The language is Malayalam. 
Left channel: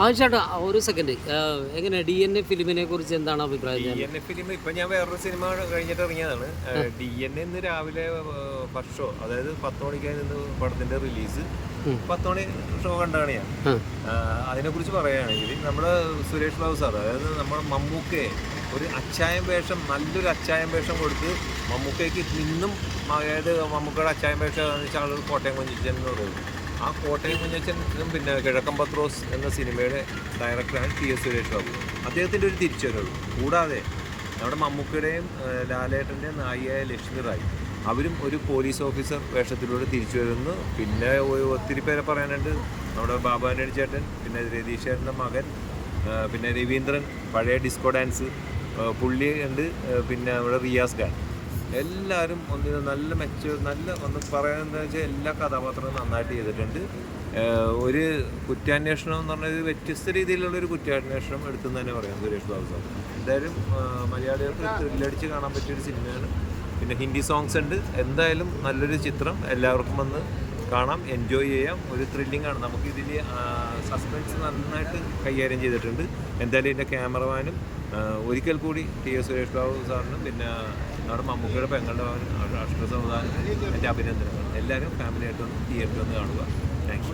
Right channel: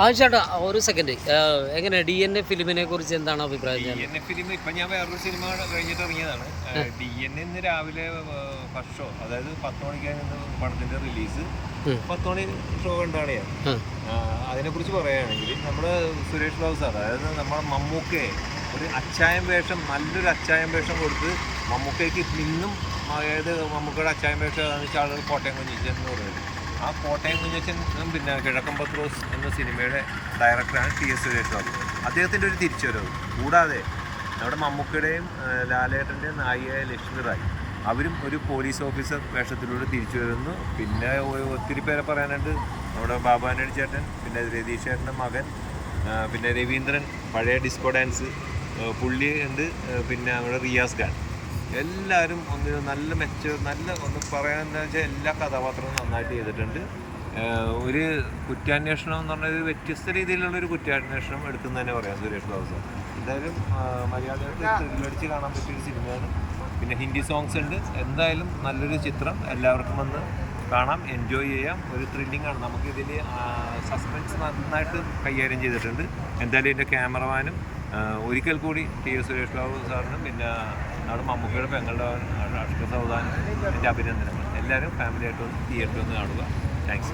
ആ ചേട്ടാ ഒരു സെക്കൻഡ്, എങ്ങനെ DNA ഫിലിമിനെ കുറിച്ച് എന്താണ് അഭിപ്രായം? DNA ഫിലിം ഇപ്പം ഞാൻ വേറൊരു സിനിമ കഴിഞ്ഞിട്ട് ഇറങ്ങിയതാണ്. DNA ഇന്ന് രാവിലെ ഫസ്റ്റ് ഷോ, അതായത് 10 മണിക്കായിരുന്നു പടത്തിൻ്റെ റിലീസ്. 10 മണി ഷോ കണ്ടാണ് ഞാൻ. അതിനെക്കുറിച്ച് പറയുകയാണെങ്കിൽ നമ്മുടെ സുരേഷ് ബാബു സാർ, അതായത് നമ്മുടെ മമ്മൂക്കയെ ഒരു അച്ചായം വേഷം, നല്ലൊരു അച്ചായം വേഷം കൊടുത്ത് മമ്മൂക്കയ്ക്ക് ഇന്നും, അതായത് മമ്മൂക്കയുടെ അച്ചായം വേഷം എന്ന് വെച്ചാൽ ആളുകൾ കോട്ടയം കുഞ്ഞിച്ചൻ എന്ന് പറയുന്നത്. ആ കോട്ടയം കുഞ്ഞച്ചനും പിന്നെ കിഴക്കൻ പത്രോസ് എന്ന സിനിമയുടെ ഡയറക്ടറാണ് TS സുരേഷ് ബാബു. അദ്ദേഹത്തിൻ്റെ ഒരു തിരിച്ചുവരവ് കൂടാതെ നമ്മുടെ മമ്മൂക്കയുടെയും ലാലേട്ടൻ്റെയും നായികയായ ലക്ഷ്മി റായ്, അവരും ഒരു പോലീസ് ഓഫീസർ വേഷത്തിലൂടെ തിരിച്ചു വരുന്നു. പിന്നെ ഒത്തിരി പേരെ പറയാനുണ്ട്. നമ്മുടെ ബാബു ആൻ്റണി ചേട്ടൻ, പിന്നെ രതീഷ് ചേട്ടൻ്റെ മകൻ, പിന്നെ രവീന്ദ്രൻ, പഴയ ഡിസ്കോ ഡാൻസ് പുള്ളി ഉണ്ട്, പിന്നെ നമ്മുടെ റിയാസ് ഖാൻ, എല്ലാവരും ഒന്ന് നല്ല ഒന്ന് പറയാനെന്താ വെച്ചാൽ എല്ലാ കഥാപാത്രങ്ങളും നന്നായിട്ട് ചെയ്തിട്ടുണ്ട്. ഒരു കുറ്റാന്വേഷണം എന്ന് പറഞ്ഞാൽ വ്യത്യസ്ത രീതിയിലുള്ളൊരു കുറ്റാന്വേഷണം എടുത്തെന്ന് തന്നെ പറയാം സുരേഷ് ബാബു സാർ. എന്തായാലും മലയാളികൾക്ക് ത്രില്ലടിച്ച് കാണാൻ പറ്റിയൊരു സിനിമയാണ്. പിന്നെ ഹിന്ദി സോങ്സ് ഉണ്ട്. എന്തായാലും നല്ലൊരു ചിത്രം, എല്ലാവർക്കും വന്ന് കാണാം, എൻജോയ് ചെയ്യാം. ഒരു ത്രില്ലിംഗ് ആണ്. നമുക്കിതിൽ സസ്പെൻസ് നന്നായിട്ട് കൈകാര്യം ചെയ്തിട്ടുണ്ട്. എന്തായാലും ഇതിൻ്റെ ക്യാമറമാനും ഒരിക്കൽ കൂടി TS സുരേഷ് ബാബു സാറിനും പിന്നെ നമ്മുടെ മമ്മൂക്കയുടെ പെങ്ങളുടെ രാഷ്ട്ര സൗദാനും എൻ്റെ അഭിനന്ദനങ്ങൾ. എല്ലാവരും ഫാമിലിയായിട്ട് വന്ന് തിയേറ്ററിൽ വന്ന് കാണുക. താങ്ക്സ്.